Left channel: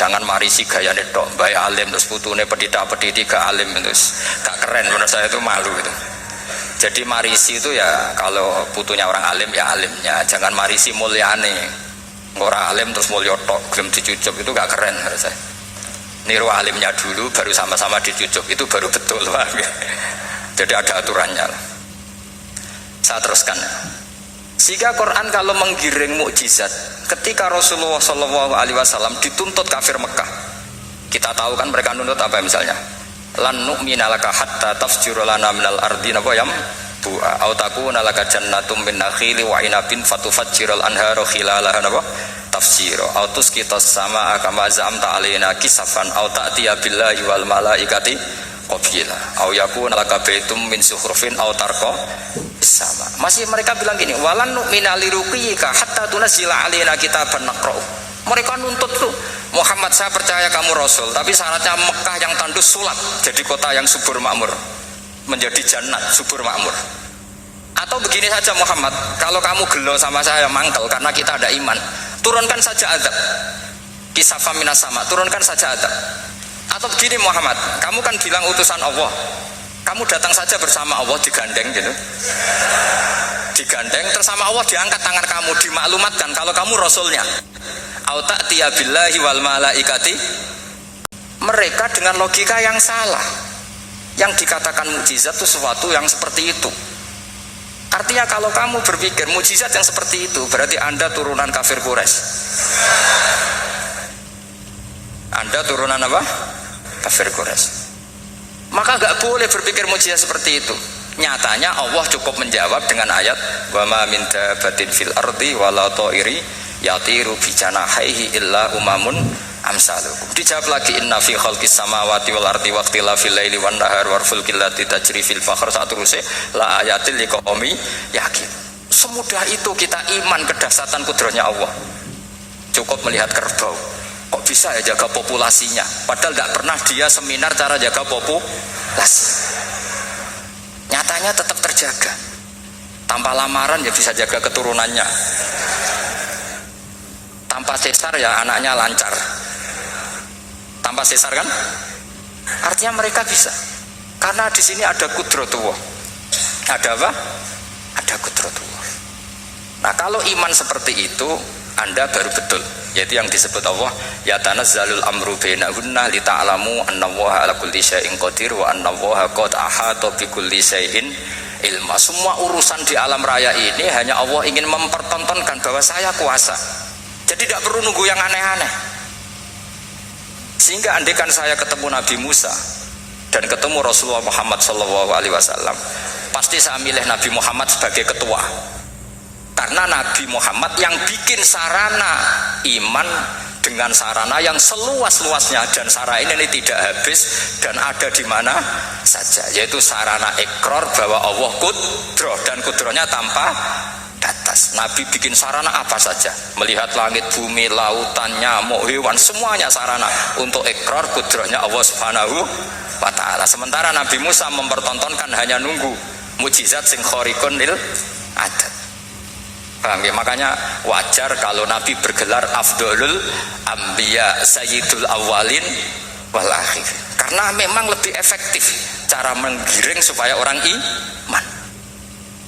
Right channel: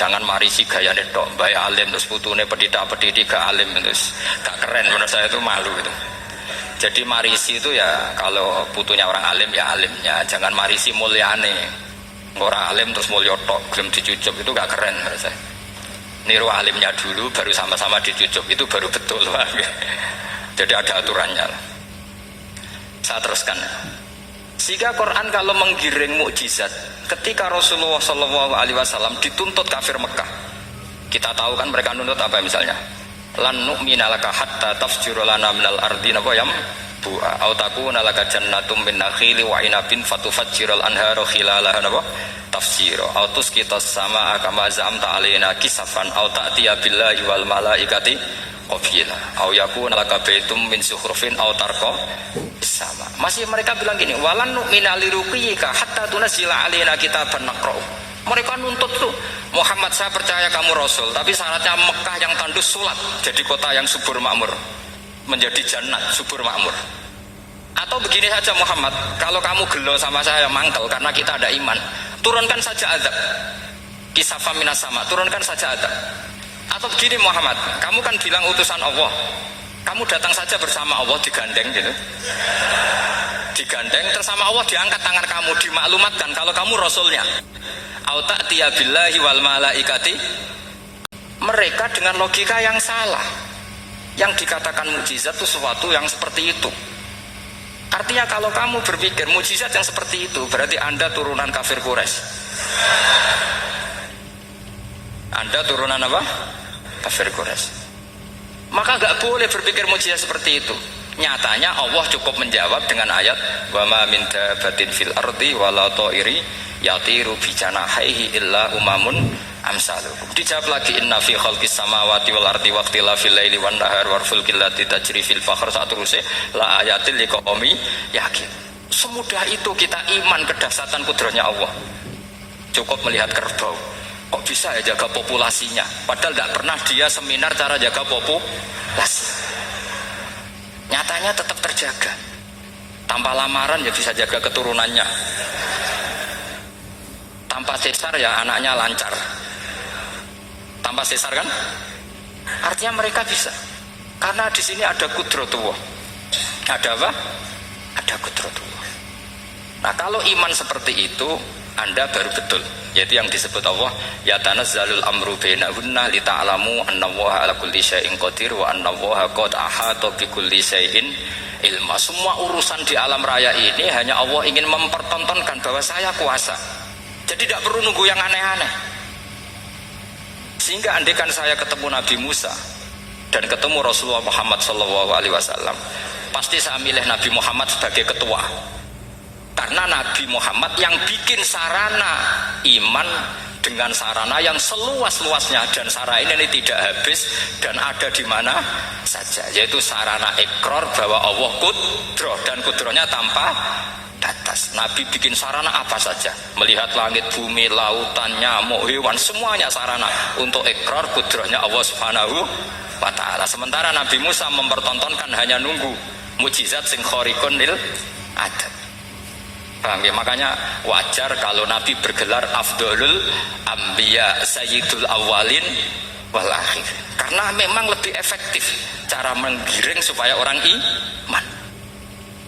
Jangan marisi gaya tok, baik alim terus putune pedita-pediti gak alim terus gak keren, menurut saya itu malu gitu. Jadi marisi itu ya kalau putunya orang alim ya alimnya, jangan marisi mulyane. Orang alim terus mulya tok, gelem dicucup itu gak keren menurut saya. Niru alimnya dulu baru sama-sama dicucup itu baru betul. Jadi ada aturannya. Saya teruskan. Sehingga Quran kalau menggiring mukjizat, ketika Rasulullah SAW dituntut kafir Mekah, kita tahu kan mereka nuntut apa misalnya? Lan nu'mina laka hatta tafjura lana minal ardi nabawayam bu'a au takuna laka jannatum min nakhili wa inabin fatufajjiral anharu khilalaha nabah tafsira au tusqitas samaa kama za'amta alaina kisafan au ta'tiya billahi wal malaikati qabila au yakuna laka baitum min sukhrufin au tarqa sama. Masih mereka bilang gini, walan nu'mina liruqiyika hatta tunzila alaina kitaban naqra'u. Mereka nuntut tuh, Muhammad saya percaya kamu Rasul, tapi syaratnya Mekah yang tandus sulat, jadi kota yang subur makmur, menjadi jannat subur makmur. Atau begini saja Muhammad, kalau kamu gelo sama saya mangkel karena kita ada iman, turunkan saja azab, kisafah minas sama, turunkan saja azab. Atau begini Muhammad, kamu kan bilang utusan Allah, kamu datang saja bersama Allah digandeng gitu, digandeng terus sama Allah diangkat tangan kamu, dimaklumatkan kalau kamu Rasulnya. Au ta'tiya billahi wal malaikati. Mereka dengan logika yang salah, yang dikatakan mukjizat itu sesuatu yang seperti itu. Artinya kalau kamu berpikir mukjizat yang seperti itu, berarti Anda turunan kafir Quraisy. Anda turunan apa? Kafir Quraisy. Maka gak boleh berpikir mukjizat seperti itu. Nyatanya Allah cukup menjawab dengan ayat wa ma min dabatin fil ardi wala ta'iri yatiru bi janahihi illa umamun amsalukum. Dijawab lagi inna fi khalqis samawati wal ardi wa ikhtilafil laili wan nahar wal fulkil lati tajri fil bahr satruse la ayatil liqaumi yakin. Semudah itu kita iman kedahsyatan kudratnya Allah. Cukup melihat kerbau, kok bisa ya jaga populasinya, padahal tidak pernah dia seminar cara jaga populasi. Nyatanya tetap terjaga. Tanpa lamaran ya bisa jaga keturunannya. Tanpa sesar ya anaknya lancar. Tanpa sesar kan? Artinya mereka bisa. Karena di sini ada kudratullah. Ada apa? Ada kudratullah. Nah, kalau iman seperti itu, Anda baru betul. Yaitu yang disebut Allah, ya tanazzalul amru bainahunna lita'lamu annallaha ala kulli syai'in qadir wa annallaha qad ahata bi kulli syai'in ilma. Semua urusan di alam raya ini hanya Allah ingin mempertontonkan bahwa saya kuasa. Jadi tidak perlu nunggu yang aneh-aneh. Sehingga andekan saya ketemu Nabi Musa dan ketemu Rasulullah Muhammad SAW, pasti saya milih Nabi Muhammad sebagai ketua. Karena Nabi Muhammad yang bikin sarana iman dengan sarana yang seluas-luasnya, dan sarana ini tidak habis dan ada di mana saja, yaitu sarana ikrar bahwa Allah kudroh dan kudrohnya tanpa batas. Nabi bikin sarana apa saja, melihat langit, bumi, lautan, nyamuk, hewan, semuanya sarana untuk ikrar kudrohnya Allah Subhanahu wa ta'ala. Sementara Nabi Musa mempertontonkan hanya nunggu mukjizat sing khariqun lil adat. Paham ya? Makanya wajar kalau Nabi bergelar Afdolul Ambiya Sayyidul Awalin wal Akhir, karena memang lebih efektif cara menggiring supaya orang iman.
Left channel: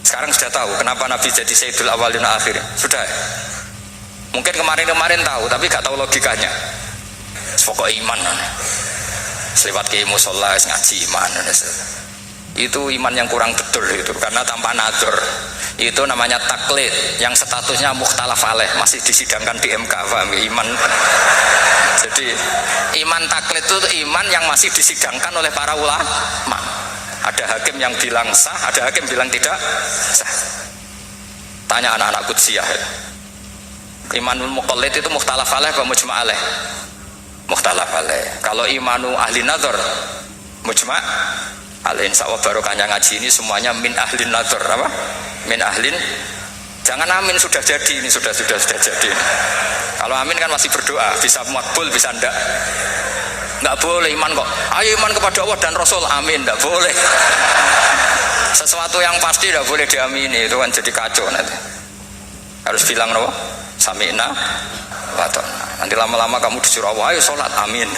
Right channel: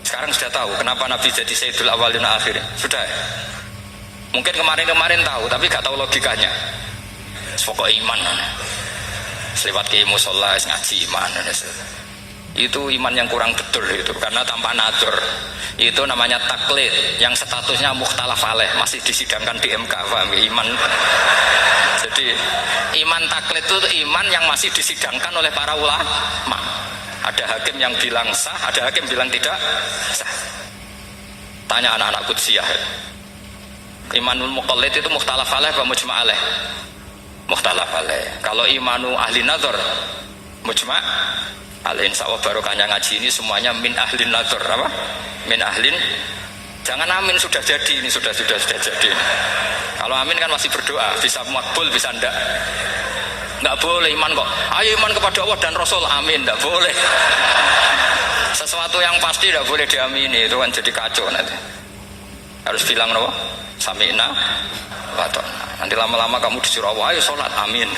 Sekarang sudah tahu kenapa Nabi jadi Sayyidul Awalin wal Akhir? Sudah. Mungkin kemarin-kemarin tahu tapi gak tahu logikanya. Pokok iman. Selewat ke musola ngaji iman. Itu iman yang kurang betul itu, karena tanpa nadur. Itu namanya taklid yang statusnya mukhtalaf alaih, masih disidangkan di MK. Paham? Iman. Jadi iman taklid itu iman yang masih disidangkan oleh para ulama. Ada hakim yang bilang sah, ada hakim bilang tidak sah. Tanya anak-anak Qudsiyah. Imanul muqallid itu mukhtalaf alaih apa mujma' alaih? Mukhtalaf alaih. Kalau imanu ahli nadhar mujma' alaih. Insyaallah barokahnya ngaji ini semuanya min ahlin nadhar, apa? Min ahlin. Jangan amin sudah jadi, ini sudah jadi. Kalau amin kan masih berdoa, bisa makbul bisa enggak. Enggak boleh iman kok. Ayo iman kepada Allah dan Rasul, amin, enggak boleh. Sesuatu yang pasti enggak boleh diamini, itu kan jadi kacau nanti. Harus bilang no, sami'na wa ta'na. Nanti lama-lama kamu disuruh Allah, ayo sholat, amin.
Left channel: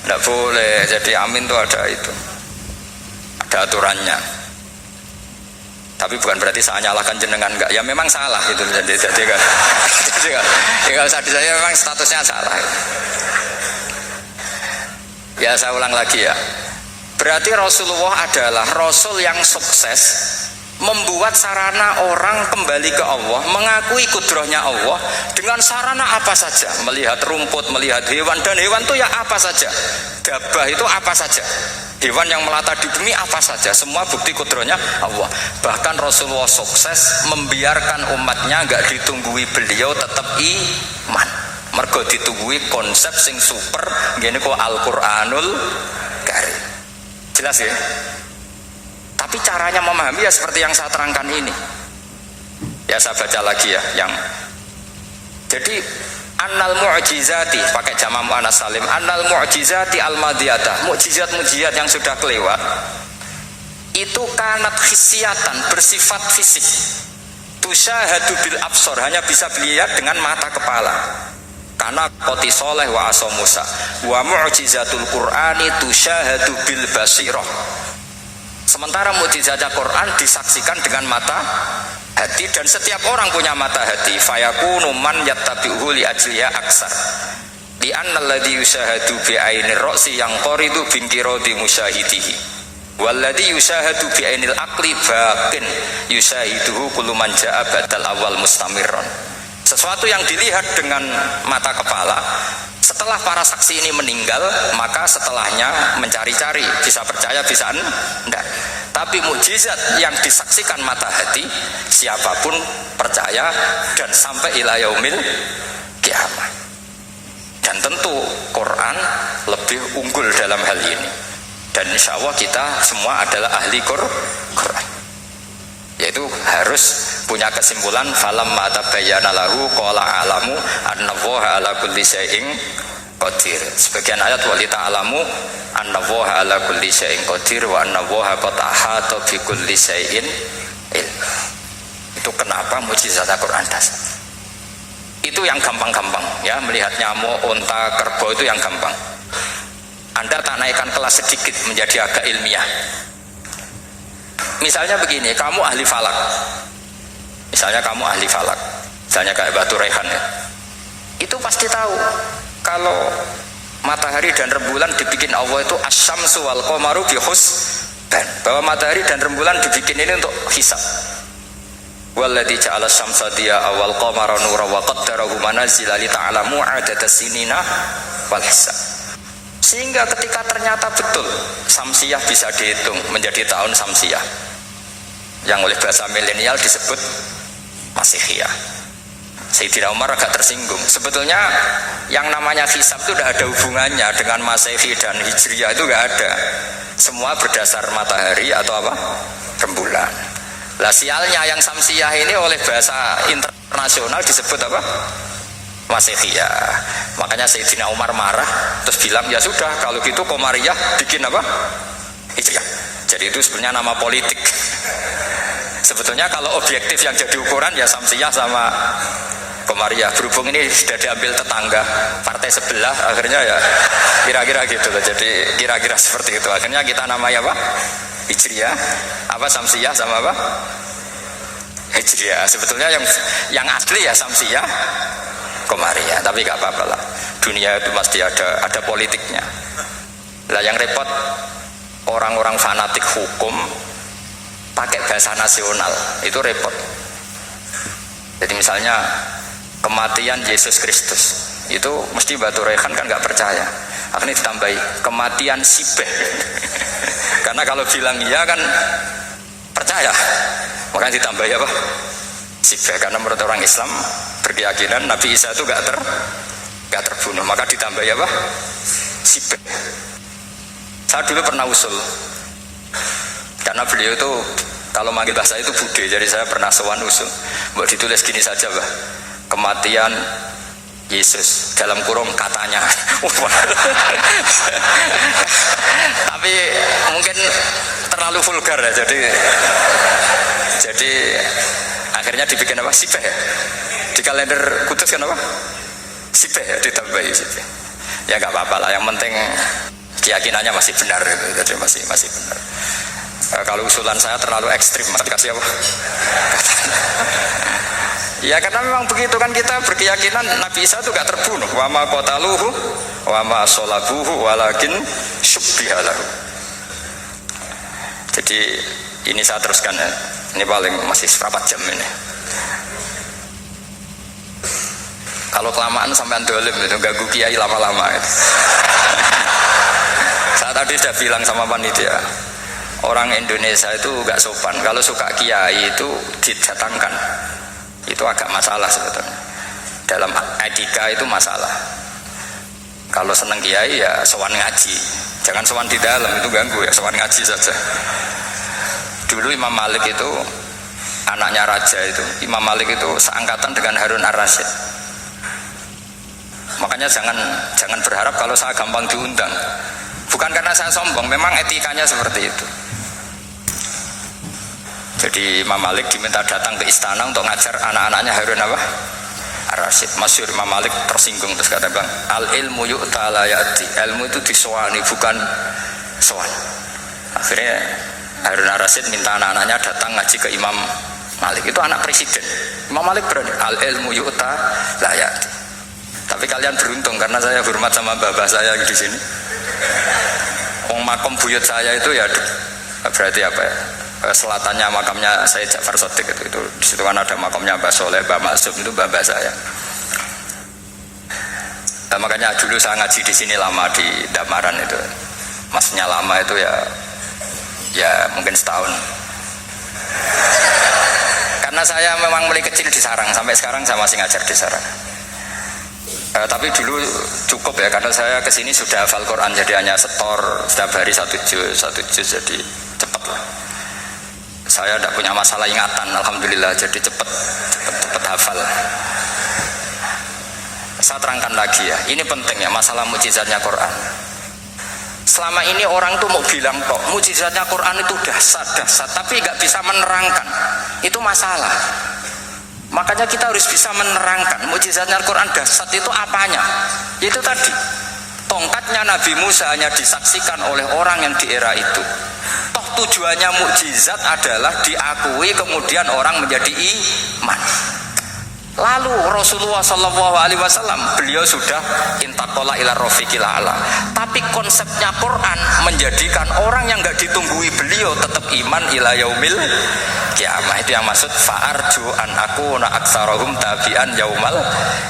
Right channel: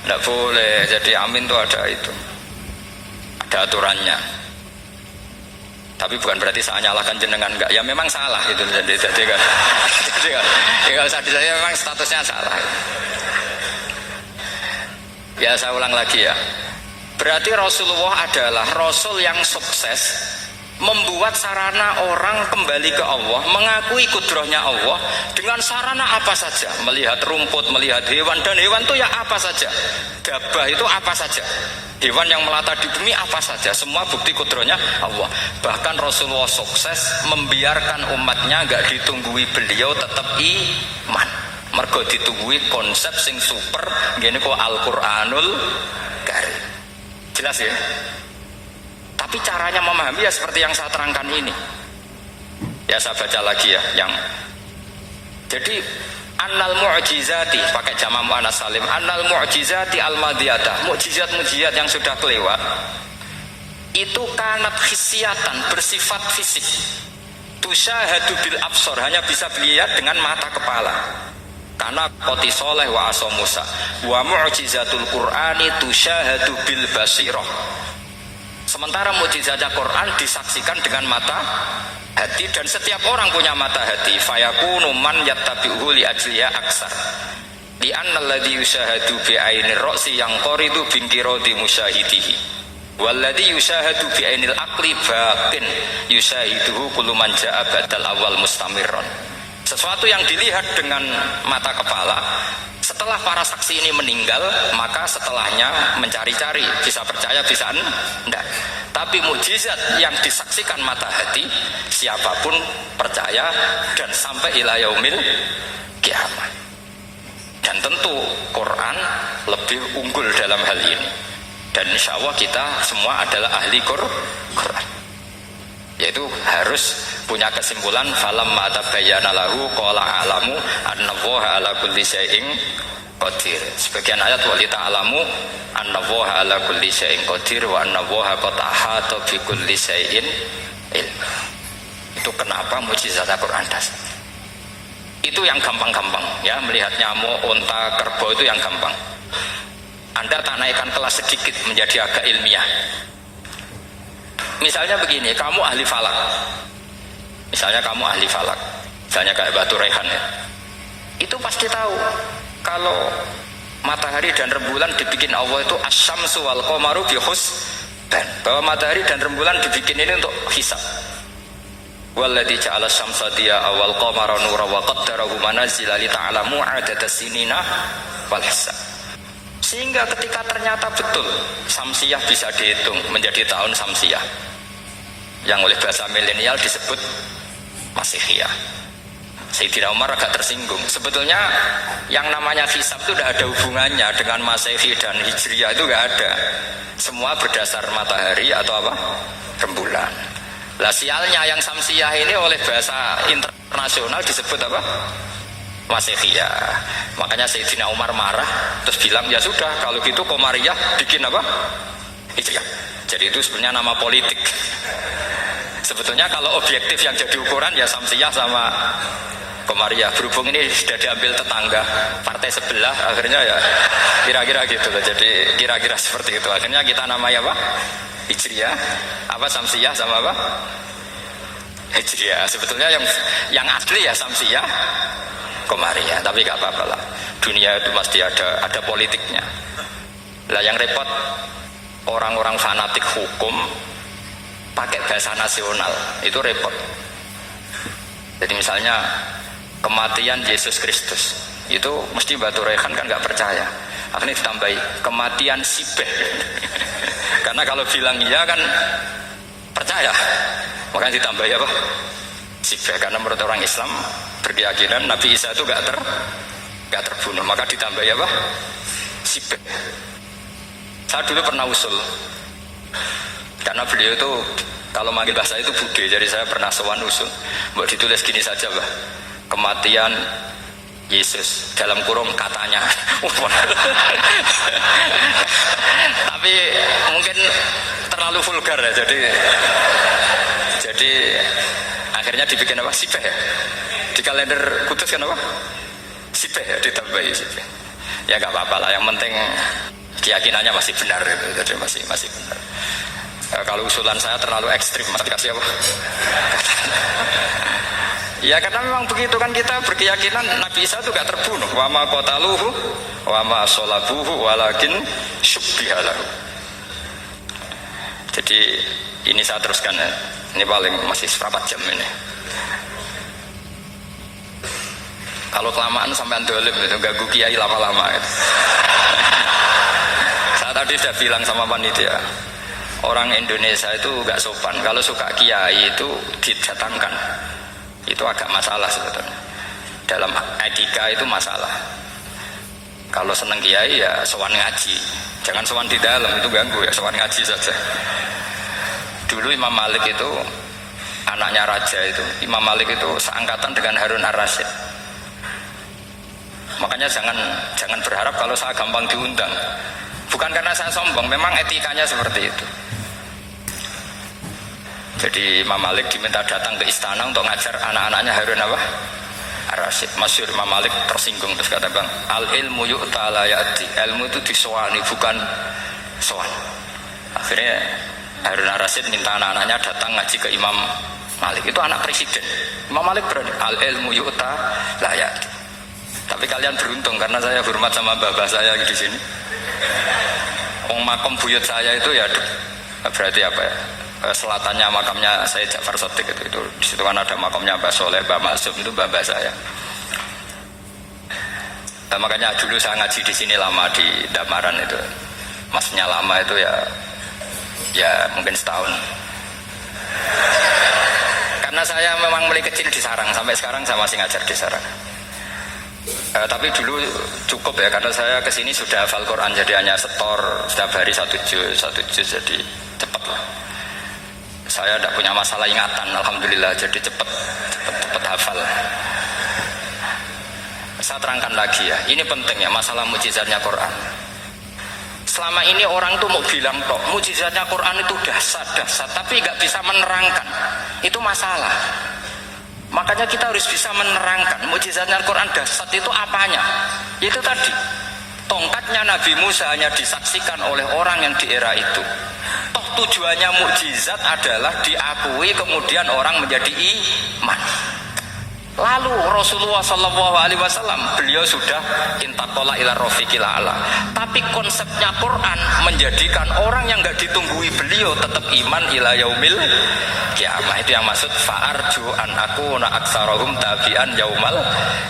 Tidak boleh. Jadi amin itu ada itu, ada aturannya. Tapi bukan berarti saya nyalahkan jenengan, enggak. Ya memang salah itu. Jadi kan, ya nggak usah disayang, memang statusnya salah. Ya saya ulang lagi ya. Berarti Rasulullah adalah Rasul yang sukses membuat sarana orang kembali ke Allah, mengakui kudrahnya Allah dengan sarana apa saja. Melihat rumput, melihat hewan, dan hewan itu ya apa saja. Gabah itu apa saja. Hewan yang melata di bumi apa saja. Semua bukti kudrahnya Allah. Bahkan Rasulullah sukses membiarkan umatnya gak ditunggui beliau tetap iman. Mergo ditunggui konsep sing super gini kok Al-Qur'anul Karim. Jelas ya? Tapi caranya memahami ya seperti yang saya terangkan ini. Ya saya baca lagi ya yang jadi annal mu'jizati pakai jama' muannas salim, annal mu'jizati al-madiyata, mukjizat-mukjizat yang sudah kelewat itu kanat khisyatan, bersifat fisik. Tusyahadu bil absor, hanya bisa dilihat dengan mata kepala. Karena qoti soleh wa aso Musa wa mu'jizatul Qur'ani tusyahadu bil basirah. Sementara mukjizatnya Quran disaksikan dengan mata hati, dan setiap orang punya mata hati. Fayakunu man yattabi'uhu li ajliya aksar. Li anna alladhi yushahadu bi ainir ra'si yang qoridu bin qiradi musyahidihi. Walladhi yushahadu bi ainil aqli batin yushahiduhu kullu man ja'a badal awal mustamirron. Sesuatu yang dilihat dengan mata kepala, setelah para saksi ini meninggal, maka setelahnya mencari-cari, bisa percaya, bisa enggak. Tapi mukjizat yang disaksikan mata hati, siapapun percaya dan sampai ila yaumil kiamat. Dan tentu Quran lebih unggul dalam hal ini. Dan insya Allah kita semua adalah ahli Quran. Yaitu harus punya kesimpulan falam ma'tabayyana lahu qala a'lamu annallaha ala kulli syai'in qadir. Sebagian ayat wa lita'alamu annallaha ala kulli syai'in qadir wa annallaha qad ahata bi kulli syai'in ilm. Itu kenapa mukjizat Al-Qur'an dasar. Itu yang gampang-gampang ya, melihat nyamuk, unta, kerbau itu yang gampang. Anda tak naikkan kelas sedikit menjadi agak ilmiah. Misalnya begini, kamu ahli falak. Misalnya kamu ahli falak, misalnya kayak Batu Rehan ya. Itu pasti tahu kalau matahari dan rembulan dibikin Allah itu asyamsu wal qamaru bi husban. Bahwa matahari dan rembulan dibikin ini untuk hisab. Walladzi ja'ala syamsa diya'a wal qamara nuran wa qaddarahu manazila li ta'lamu 'adada sinina wal hisab. Sehingga ketika ternyata betul samsiah bisa dihitung menjadi tahun samsiah, yang oleh bahasa milenial disebut Masihiyah. Sayyidina Umar agak tersinggung. Sebetulnya yang namanya hisab itu tidak ada hubungannya dengan Masehi dan Hijriyah, itu tidak ada. Semua berdasar matahari atau apa? Rembulan. Lah sialnya yang samsiah ini oleh bahasa internasional disebut apa? Masihiyah. Makanya Sayyidina Umar marah terus bilang ya sudah kalau gitu Qamariyah bikin apa? Hijriyah. Jadi itu sebenarnya nama politik. Sebetulnya kalau objektif yang jadi ukuran ya Samsiyah sama Qamariyah. Berhubung ini sudah diambil tetangga partai sebelah, akhirnya ya kira-kira gitu loh. Jadi kira-kira seperti itu. Akhirnya kita namanya apa? Hijriyah. Apa Samsiyah sama apa? Hijriyah. Sebetulnya yang asli ya Samsiyah, Qamariyah. Tapi gak apa-apa lah. Dunia itu pasti ada politiknya. Lah yang repot orang-orang fanatik hukum pakai bahasa nasional, itu repot. Jadi misalnya kematian Yesus Kristus, itu mesti Batu Rehan kan nggak percaya. Akhirnya ditambahi kematian Sibeh. Karena kalau bilang iya kan percaya, makanya ditambahi apa? Sibeh. Karena menurut orang Islam berkeyakinan Nabi Isa itu nggak terbunuh, maka ditambahi apa? Sibeh. Saya dulu pernah usul, karena beliau itu kalau manggil bahasa itu bude, jadi saya pernah sowan usul. Mau ditulis gini saja, Mbah. Kematian Yesus dalam kurung katanya. Tapi mungkin terlalu vulgar ya, jadi akhirnya dibikin apa? Sibeh ya? Di kalender Kudus kan apa? Sipeh ya, ditambahi sipeh. Ya nggak apa-apa lah, yang penting keyakinannya masih benar, jadi masih benar. Kalau usulan saya terlalu ekstrim, mas dikasih apa? Ya karena memang begitu kan, kita berkeyakinan Nabi Isa itu gak terbunuh. Wa ma qataluhu wa ma shalabuhu walakin syubbiha lahu. Jadi ini saya teruskan ya. Ini paling masih seperempat jam ini. Kalau kelamaan sampai dolim itu ganggu kiai lama-lama itu. Saya tadi sudah bilang sama panitia, orang Indonesia itu gak sopan. Kalau suka kiai itu didatangkan, itu agak masalah sebetulnya. Dalam etika itu masalah. Kalau seneng kiai ya sowan ngaji, jangan sowan di dalam, itu ganggu ya, sowan ngaji saja. Dulu Imam Malik itu anaknya raja itu, Imam Malik itu seangkatan dengan Harun ar-Rasyid. Makanya jangan berharap kalau saya gampang diundang. Bukan karena saya sombong, memang etikanya seperti itu. Jadi Imam Malik diminta datang ke istana untuk ngajar anak-anaknya Harun apa? Ar-Rasyid. Masyhur Imam Malik tersinggung terus kata bang, al ilmu yu'ta la ya'ti. Ilmu itu disowani bukan sowan. Akhirnya Harun ar-Rasyid minta anak-anaknya datang ngaji ke Imam Malik. Itu anak presiden. Imam Malik berani, al ilmu yu'ta la ya'ti. Tapi kalian beruntung karena saya hormat sama bapak saya di sini. Makom buyut saya itu ya berarti apa ya? Selatannya makamnya saya Ja'far Shadiq itu di situ kan ada makamnya Mbah Soleh, Mbah Maksum, itu bapak saya. Nah, makanya dulu saya ngaji di sini lama di Damaran itu. Maksudnya lama itu ya mungkin setahun. Karena saya memang mulai kecil di Sarang, sampai sekarang saya masih ngajar di Sarang. Tapi dulu cukup ya, karena saya kesini sudah hafal Quran, jadi hanya setor setiap hari satu juz, jadi cepat lah. Saya tidak punya masalah ingatan, alhamdulillah, jadi cepat hafal. Saya terangkan lagi ya, ini penting ya, masalah mukjizatnya Quran. Selama ini orang tuh mau bilang kok mukjizatnya Quran itu dahsyat, tapi nggak bisa menerangkan, itu masalah. Makanya kita harus bisa menerangkan mukjizatnya Al-Quran dahsyat itu apanya. Itu tadi, tongkatnya Nabi Musa hanya disaksikan oleh orang yang di era itu. Toh tujuannya mukjizat adalah diakui kemudian orang menjadi iman. Lalu Rasulullah SAW beliau sudah intaqala ila rafiqil a'la. Tapi konsepnya Quran menjadikan orang yang nggak ditunggui beliau tetap iman ila yaumil kiamah. Itu yang maksud fa'arju an akuna aktsarahum tabi'an yaumal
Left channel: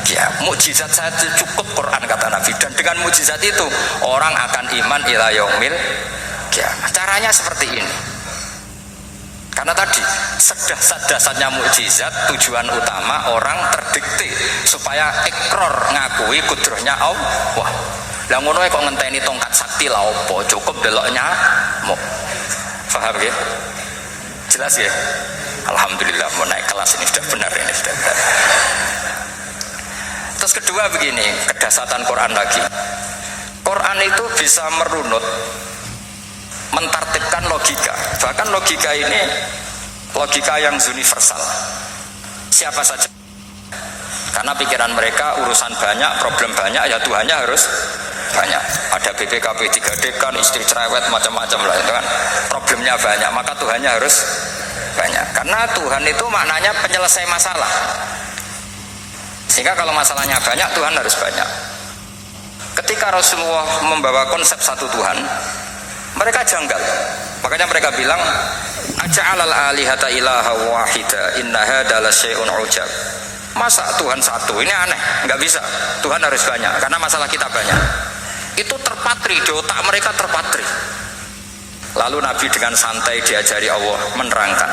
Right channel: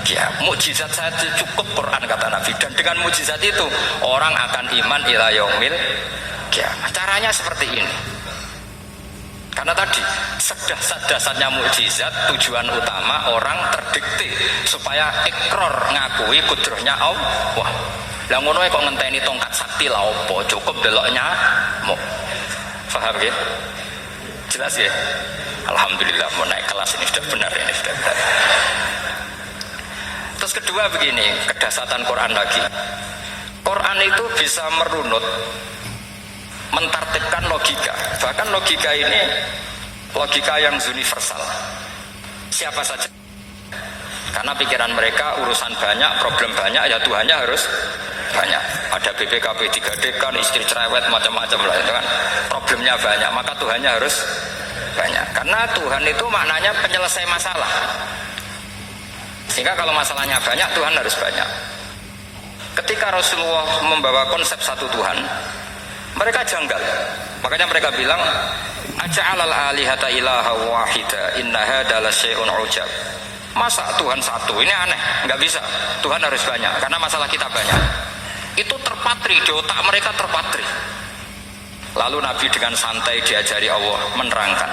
kiamah. Mukjizat saya cukup Quran kata Nabi, dan dengan mukjizat itu orang akan iman ila yaumil kiamah. Caranya seperti ini. Karena tadi sedasat-dasarnya mukjizat, tujuan utama orang terdikte supaya ikrar ngakui kudrohnya Allah. Lah ngono kok ngenteni tongkat sakti lah opo, cukup deloknya mau. Paham ya? Jelas ya? Alhamdulillah mau naik kelas ini sudah benar ini sudah benar. Terus kedua begini, kedasatan Quran lagi. Quran itu bisa merunut, mentartibkan logika. Bahkan logika ini logika yang universal, siapa saja. Karena pikiran mereka urusan banyak, problem banyak, ya Tuhannya harus banyak. Ada BPKB 3D kan, istri cerewet macam-macam lah itu kan, problemnya banyak, maka Tuhannya harus banyak. Karena Tuhan itu maknanya penyelesai masalah. Sehingga kalau masalahnya banyak, Tuhan harus banyak. Ketika Rasulullah membawa konsep satu Tuhan, mereka janggal. Makanya mereka bilang, aja'alal alihata ilaha wahida inna hadza lasyai'un ujab. Masa Tuhan satu? Ini aneh, nggak bisa. Tuhan harus banyak, karena masalah kita banyak. Itu terpatri di otak mereka, terpatri. Lalu Nabi dengan santai diajari Allah menerangkan,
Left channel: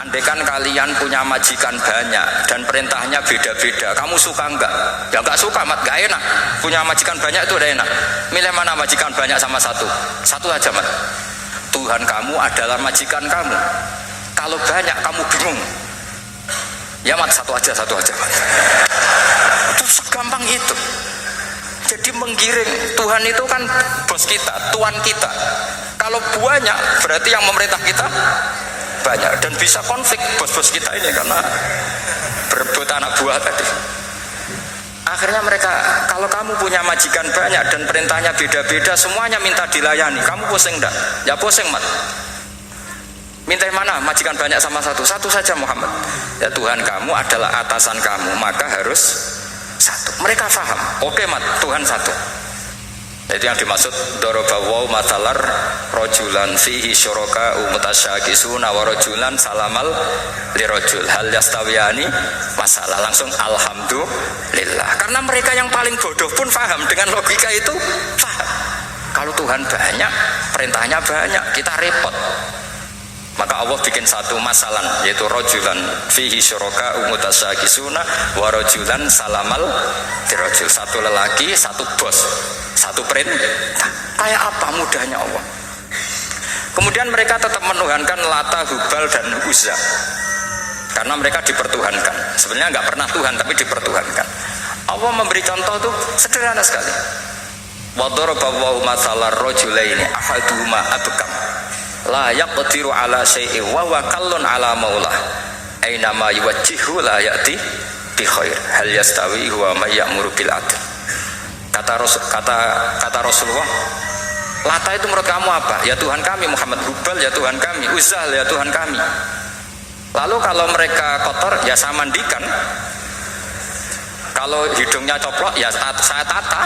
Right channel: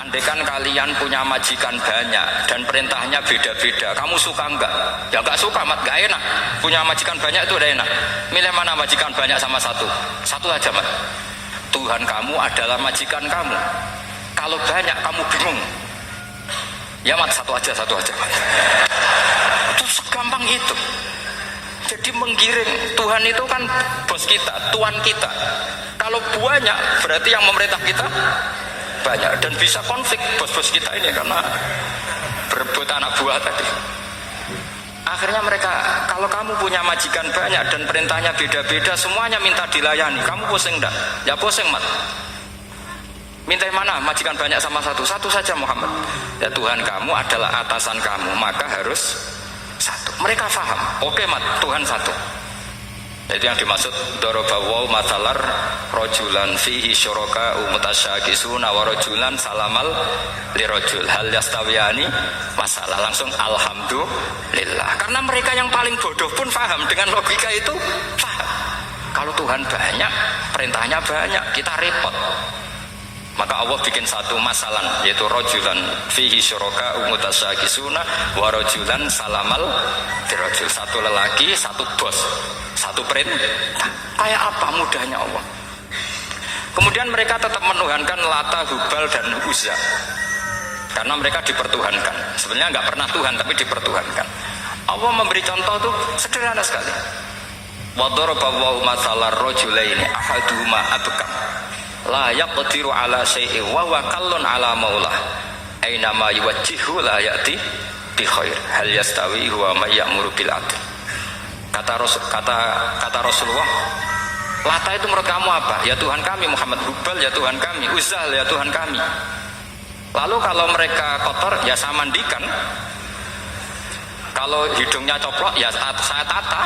andaikan kalian punya majikan banyak dan perintahnya beda-beda, kamu suka enggak? Ya enggak suka, mat, enggak enak. Punya majikan banyak itu udah enak. Milih mana majikan banyak sama satu? Satu aja, mat. Tuhan kamu adalah majikan kamu. Kalau banyak kamu bingung. Ya mat, satu aja mat. Itu segampang itu. Jadi menggiring, Tuhan itu kan bos kita, tuan kita. Kalau banyak berarti yang memerintah kita banyak, dan bisa konflik bos-bos kita ini karena berebut anak buah tadi. Akhirnya mereka, kalau kamu punya majikan banyak dan perintahnya beda-beda, semuanya minta dilayani, kamu pusing enggak? Ya pusing, Mat. Minta yang mana? Majikan banyak sama satu? Satu saja, Muhammad. Ya Tuhan kamu adalah atasan kamu, maka harus satu. Mereka paham. Oke, Mat, Tuhan satu. Itu yang dimaksud dorobawaw matalar rojulan fihi syuraka umutasyakisuna wa rojulan salamal lirojul hal yastawiyani masalah. Langsung alhamdulillah, karena mereka yang paling bodoh pun paham dengan logika itu. Paham kalau Tuhan banyak, perintahnya banyak, kita repot. Maka Allah bikin satu masalah, yaitu rojulan fihi syuraka umutasyakisuna wa rojulan salamal lirojul. Satu lelaki, satu bos, satu perintah. Kayak apa mudahnya Allah. Kemudian mereka tetap menuhankan Lata, Hubal dan Uzza, karena mereka dipertuhankan. Sebenarnya nggak pernah Tuhan, tapi dipertuhankan. Allah memberi contoh itu sederhana sekali. Wa daraballahu mathalar rajulaini ahaduhuma abkam la yaqdiru ala syai'in wa huwa kallun ala maulah aina ma yuwajjihu la ya'ti bi khair hal yastawi huwa may ya'muru bil adl. Kata Rasulullah, Lata itu menurut kamu apa? Ya Tuhan kami. Muhammad, Hubal ya Tuhan kami. Uzzal ya Tuhan kami. Lalu kalau mereka kotor ya saya mandikan, kalau hidungnya coplok ya saya tata.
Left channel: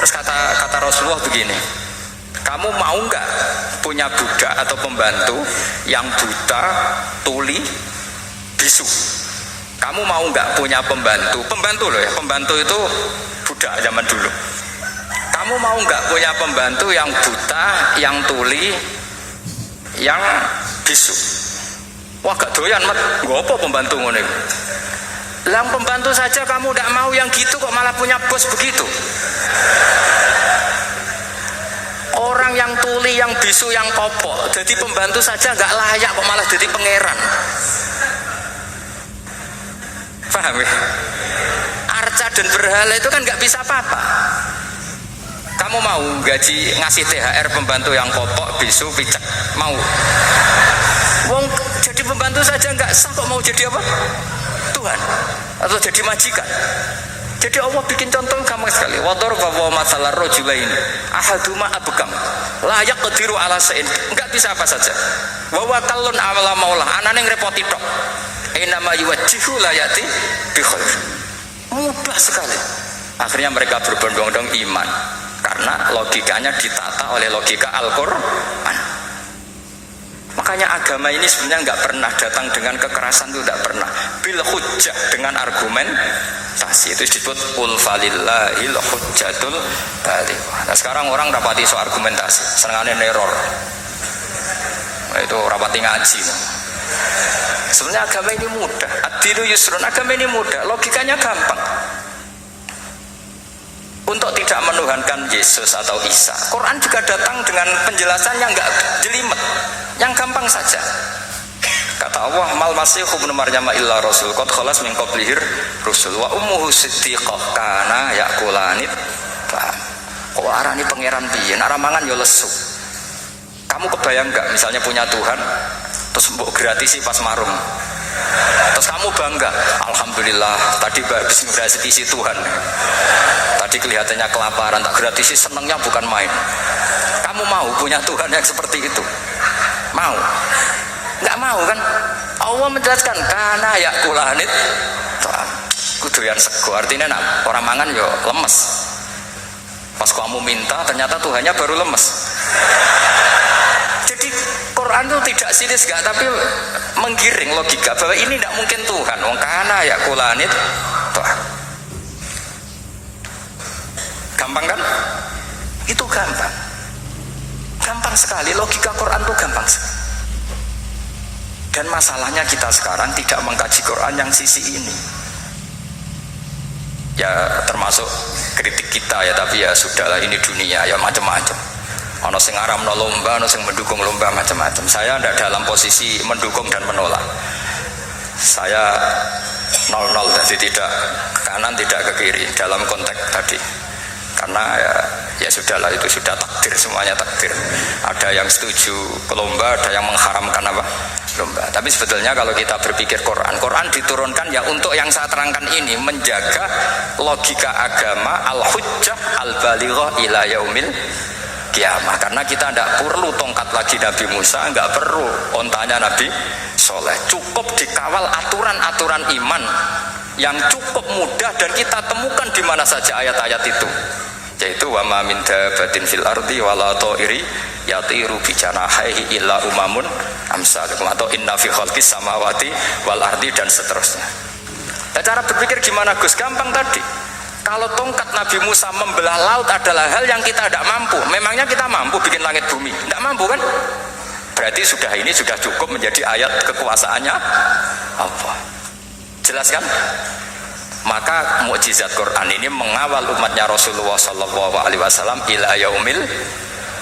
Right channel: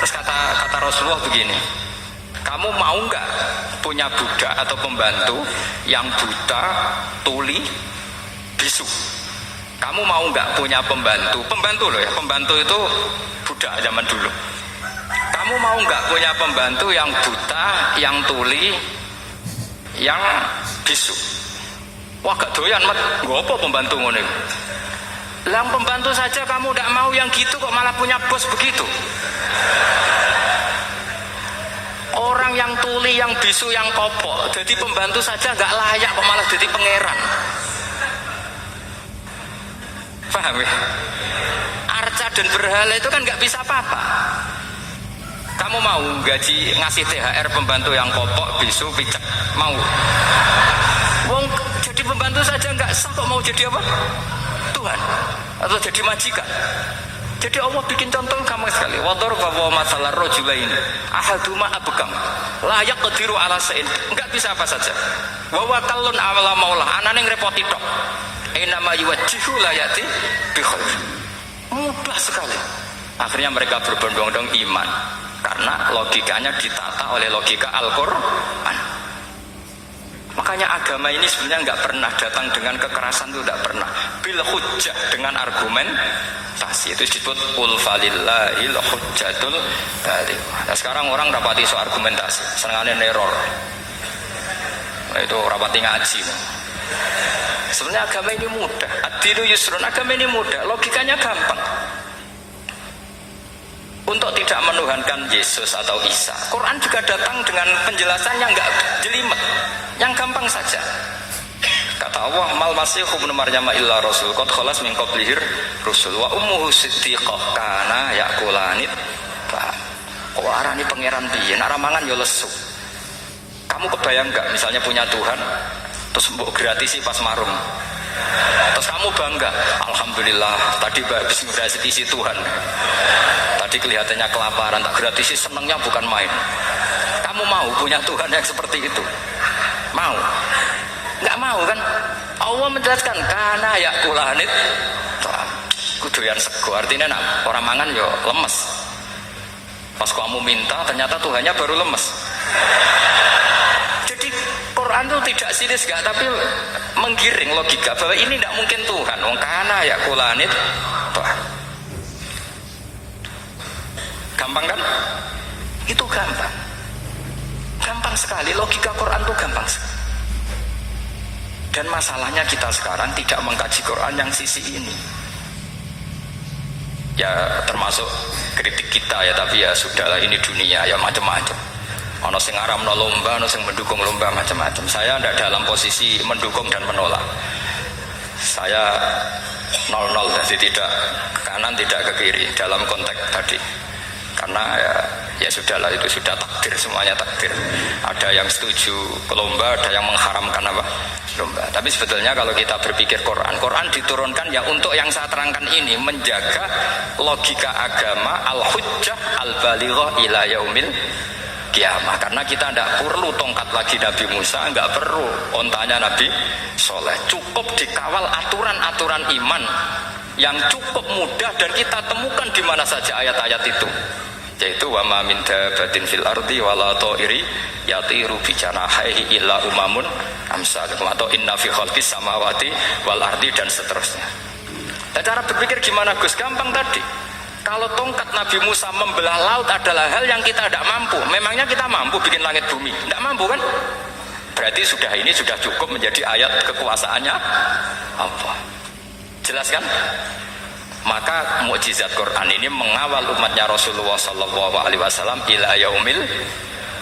Terus kata Rasulullah begini, kamu mau nggak punya budak atau pembantu yang buta, tuli, bisu? Kamu mau nggak punya pembantu loh ya, pembantu itu budak zaman dulu. Kamu mau nggak punya pembantu yang buta, yang tuli, yang bisu? Wah gak doyan, Mat. Gak apa pembantu ngono. Lah pembantu saja kamu nggak mau yang gitu, kok malah punya bos begitu? Orang yang tuli, yang bisu, yang kopok, jadi pembantu saja nggak layak, kok malah jadi pangeran. Paham ya? Arca dan berhala itu kan nggak bisa apa-apa. Kamu mau gaji ngasih THR pembantu yang kopok, bisu, picek? Mau? Wong jadi pembantu saja nggak sah, kok mau jadi apa? Tuhan atau jadi majikan? Jadi Allah bikin contoh gampang sekali. Wa daraba mathalar rajulain ahaduma abkam la yaqdiru ala syai'in. Enggak bisa apa saja. Wa wa kallun ala maulah, anane ngrepoti tok. Inama yuwajjihu la yati bi khair. Mudah sekali. Akhirnya mereka berbondong-bondong iman karena logikanya ditata oleh logika Al-Qur'an. Makanya agama ini sebenarnya nggak pernah datang dengan kekerasan, itu nggak pernah. Bil hujjah, dengan argumentasi, itu disebut qul falillahil hujjatul balighah. Nah sekarang orang rapati soal argumentasi, senengane neror. Nah, itu rapati ngaji. Sebenarnya agama ini mudah. Ad-dinu yusrun, agama ini mudah, logikanya gampang. Untuk tidak menuhankan Yesus atau Isa, Quran juga datang dengan penjelasan yang enggak jelimet, yang gampang saja. Kata Allah, mal masih ibnu Maryam illa rasul qad khalas min qablihir rusul wa ummuhu siddiqah kana yaqulanit. Kok arani pangeran piye? Nek mangan ya lesu. Kamu kebayang enggak misalnya punya Tuhan terus mbok gratisi pas marung. Terus kamu bangga, alhamdulillah tadi habis ngrasiki Tuhan. Tadi kelihatannya kelaparan, tak gratisi, senangnya bukan main. Kamu mau punya Tuhan yang seperti itu? Mau? Nggak mau kan? Allah menjelaskan karena ya kulanit kuduyan sego, artinya nak orang mangan yo lemes. Pas kamu minta ternyata Tuhannya baru lemes. Jadi Quran itu tidak sinis gak, tapi menggiring logika bahwa ini tidak mungkin Tuhan. Wong kana ya kulanit Tuhan. Gampang kan? Itu gampang. Gampang sekali, logika Quran itu gampang sekali. Dan masalahnya kita sekarang tidak mengkaji Quran yang sisi ini. Ya termasuk kritik kita ya, tapi ya sudahlah, ini dunia ya macam-macam. Ono sing ngaramno lomba, ono sing mendukung lomba, macam-macam. Saya tidak dalam posisi mendukung dan menolak. Saya 0-0, jadi tidak ke kanan tidak ke kiri dalam konteks tadi. karena ya sudahlah, itu sudah takdir, semuanya takdir. Ada yang setuju lomba, ada yang mengharamkan apa? Lomba. Tapi sebetulnya kalau kita berpikir Quran diturunkan ya untuk yang saya terangkan ini, menjaga logika agama al-hujjah al-balighah ila yaumil kiamah. Karena kita tidak perlu tongkat lagi Nabi Musa, nggak perlu ontanya Nabi Soleh, cukup dikawal aturan-aturan iman yang cukup mudah dan kita temukan di mana saja ayat-ayat itu, yaitu wa ma min dabatin fil ardi wala ta'iri yatiru bi janahihi illa umamun amsalukum, atau inna fi khalqis samawati wal ardi, dan seterusnya. Nah, cara berpikir gimana Gus? Gampang tadi. Kalau tongkat Nabi Musa membelah laut adalah hal yang kita tidak mampu, memangnya kita mampu bikin langit bumi? Tidak mampu kan? Berarti ini sudah cukup menjadi ayat kekuasaannya Allah. Jelas kan? Maka mukjizat Quran ini mengawal umatnya Rasulullah SAW ila yaumil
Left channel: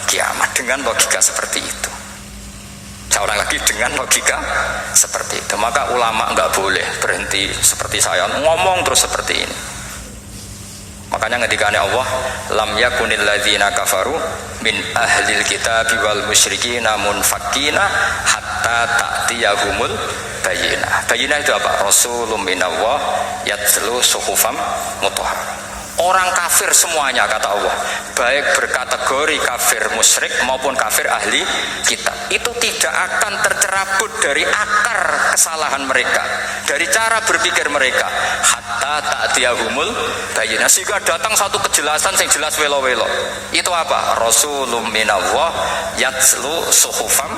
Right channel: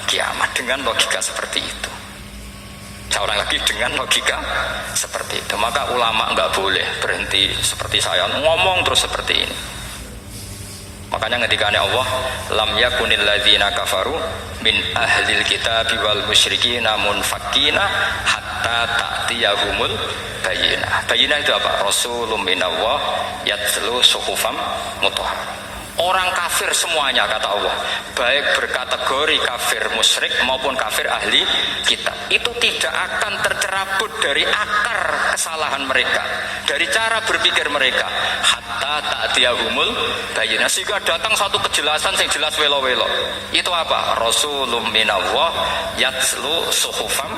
kiamat dengan logika seperti itu. Seorang lagi dengan logika seperti itu. Maka ulama nggak boleh berhenti seperti saya ngomong terus seperti ini. Makanya ketika Allah lam yakunil ladzina kafaru min ahlil kitabi wal musyrikina munfakkina hatta ta'tiyahumul bayyinah. Bayyinah itu apa? Rasulun minallah yatlu suhufam mutahharah. Orang kafir semuanya, kata Allah, baik berkategori kafir musyrik maupun kafir ahli kitab, itu tidak akan tercerabut dari akar kesalahan mereka, dari cara berpikir mereka, hatta ta'tiyahumul bayyinah, sehingga datang satu kejelasan yang jelas welo-welo. Itu apa? Rasulun minallah yatlu suhufam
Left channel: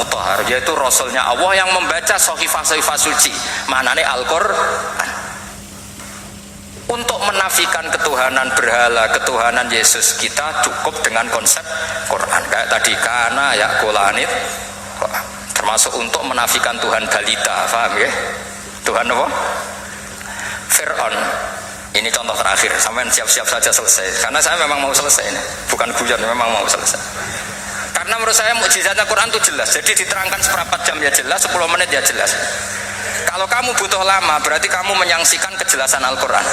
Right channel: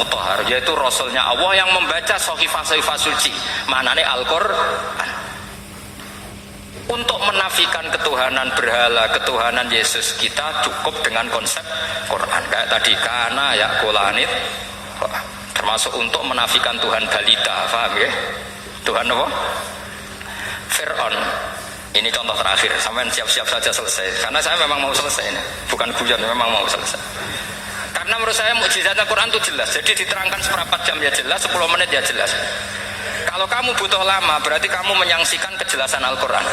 mutahharah, yaitu rasulnya Allah yang membaca sahifah-sahifah suci, manane Al-Qur'an. Untuk menafikan ketuhanan berhala, ketuhanan Yesus, kita cukup dengan konsep Quran. Kayak tadi kana ya kulanit, termasuk untuk menafikan Tuhan balita, paham ya? Tuhan apa? Fir'aun. Ini contoh terakhir, sampai siap-siap saja selesai. Karena saya memang mau selesai ini, bukan guyon, memang mau selesai. Karena menurut saya mukjizatnya Quran itu jelas. Jadi diterangkan seperempat jam ya jelas, 10 menit ya jelas. Kalau kamu butuh lama, berarti kamu menyaksikan kejelasan Al-Quran.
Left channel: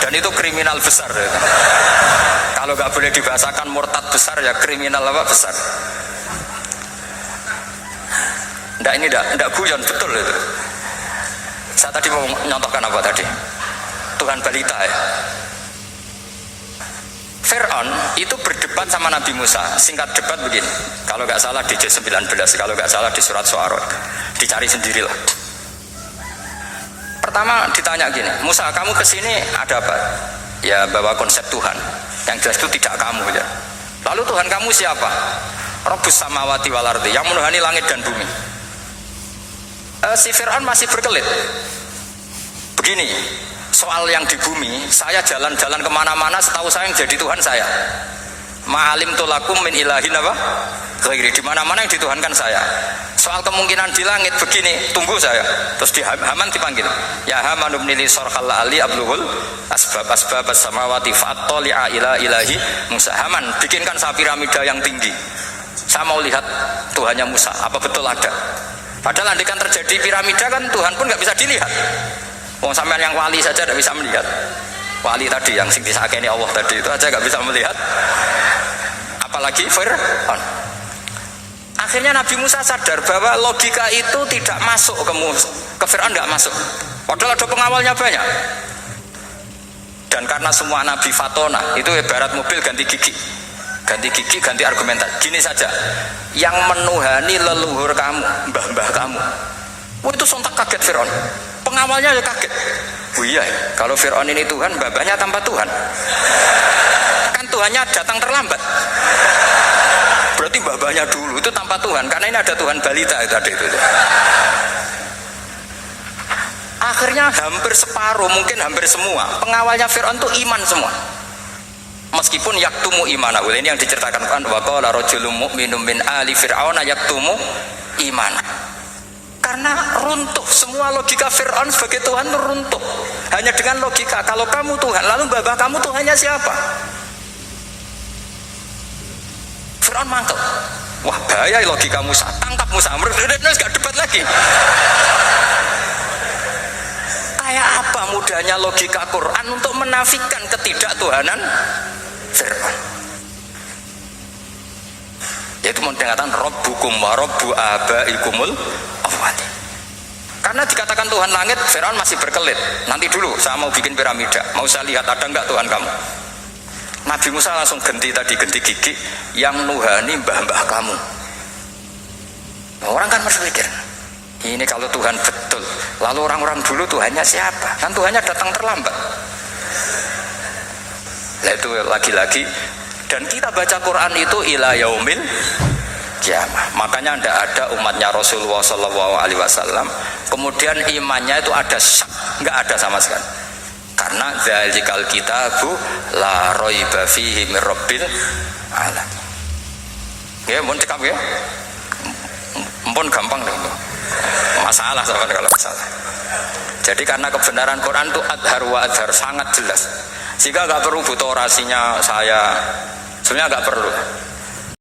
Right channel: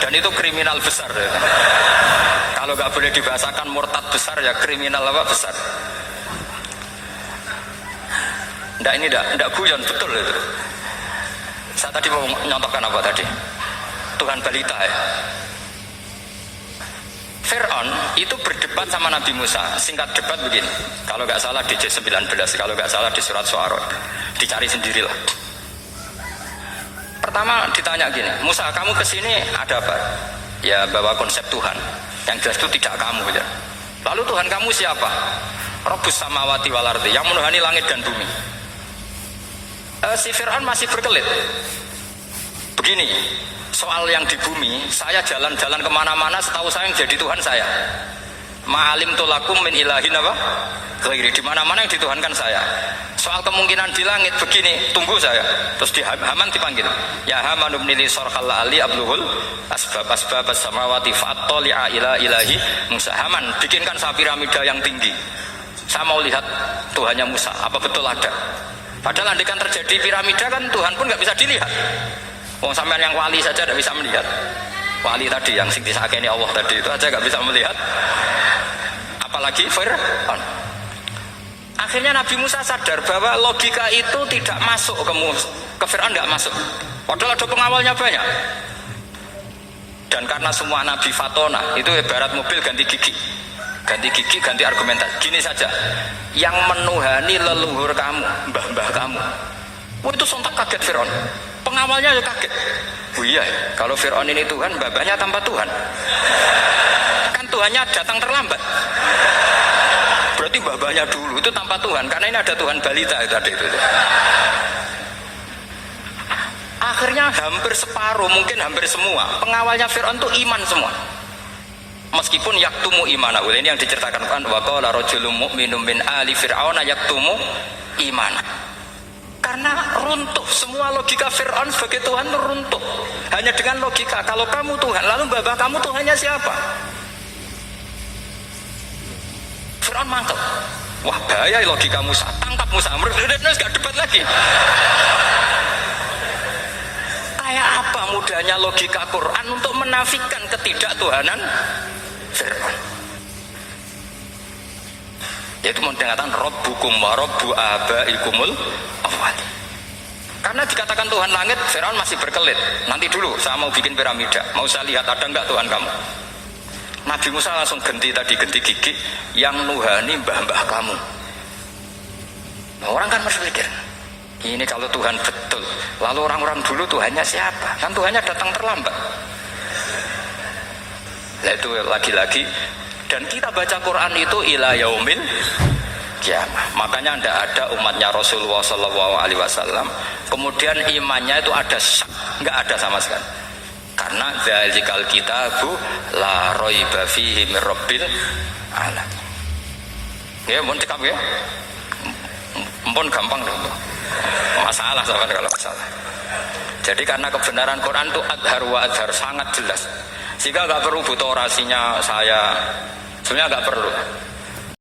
Dan itu kriminal besar. Kalau nggak boleh dibahasakan murtad besar, ya kriminal apa besar. Nggak guyon, betul itu. Saya tadi mau nyontohkan apa tadi? Tuhan balita ya. Fir'aun itu berdebat sama Nabi Musa. Singkat debat begini, kalau nggak salah di J19, kalau nggak salah di surat Syu'ara, dicari sendirilah. Pertama ditanya gini, Musa, kamu kesini ada apa? Ya bawa konsep Tuhan. Yang jelas itu tidak kamu ya. Lalu Tuhan kamu siapa? Rabbus samawati wal ardi, yang menuhani langit dan bumi. Si Fir'aun masih berkelit. Begini, soal yang di bumi, saya jalan-jalan kemana-mana, setahu saya yang jadi Tuhan saya. Ma'alim tulakum min ilahin apa? Ghairi, di mana-mana yang dituhankan saya. Soal kemungkinan di langit begini, tunggu saya. Terus di Haman dipanggil, ya Haman ibnili sarhal ali abluhul asbab as-samawati fa'attali'a ila ilahi Musa. Haman, bikinkan saya piramida yang tinggi. Saya mau lihat Tuhannya Musa, apa betul ada? Padahal andikan terjadi piramida kan Tuhan pun nggak bisa dilihat. Wong sampean yang wali saja tidak bisa melihat. Wali tadi yang sing disakeni Allah tadi itu aja nggak bisa melihat. Apalagi Fir'aun. Akhirnya Nabi Musa sadar bahwa logika itu tidak masuk ke Fir'aun, nggak masuk. Padahal ada pengawalnya banyak. Dan karena semua Nabi fatona, itu ibarat mobil ganti gigi. Ganti gigi, ganti argumentasi. Gini saja, yang menuhani leluhur kamu, mbah-mbah kamu, itu sontak kaget Fir'aun. Pengawalnya ya kaget. Oh iya, kalau Fir'aun ini Tuhan, mbah-mbahnya tanpa Tuhan. Kan Tuhannya datang terlambat. Berarti mbah-mbahnya dulu itu tanpa Tuhan, karena ini ada Tuhan balita itu tadi itu. Akhirnya hampir separuh, mungkin hampir semua pengawalnya Fir'aun itu iman semua. Meskipun yaktumu imana, ini yang diceritakan kan, wa qala rajulun mu'minun min ali fir'auna yaktumu imana. Karena runtuh semua logika Fir'aun sebagai Tuhan itu runtuh. Hanya dengan logika kalau kamu Tuhan, lalu babah kamu Tuhannya siapa? Fir'aun mantap. Wah bahaya logika Musa, tangkap Musa, mereka gak debat lagi. Kayak Betapa mudahnya logika Quran untuk menafikan ketidaktuhanan Fir'aun. Yaitu mengatakan Rabbukum wa Rabbu abaikumul awwalin. Karena dikatakan Tuhan langit, Fir'aun masih berkelit. Nanti dulu, saya mau bikin piramida. Mau saya lihat ada enggak Tuhan kamu? Nabi Musa langsung genti gigi yang nuhani mbah-mbah kamu. Nah, orang kan berpikir, ini kalau Tuhan betul, lalu orang-orang dulu Tuhannya siapa? Kan Tuhannya datang terlambat. Nah itu lagi-lagi, dan kita baca Quran itu ila yaumil kiamah. Makanya tidak ada umatnya Rasulullah SAW kemudian imannya itu ada syak, nggak ada sama sekali. Karena dzalikal kitabu la raiba fihi mir rabbil alamin. Ya, mohon cekap ya. Mpun gampang deh. Masalah soalnya kalau masalah. Jadi karena kebenaran Quran itu adhar wa adhar, sangat jelas. Sehingga nggak perlu butuh orasinya saya. Sebenarnya nggak perlu.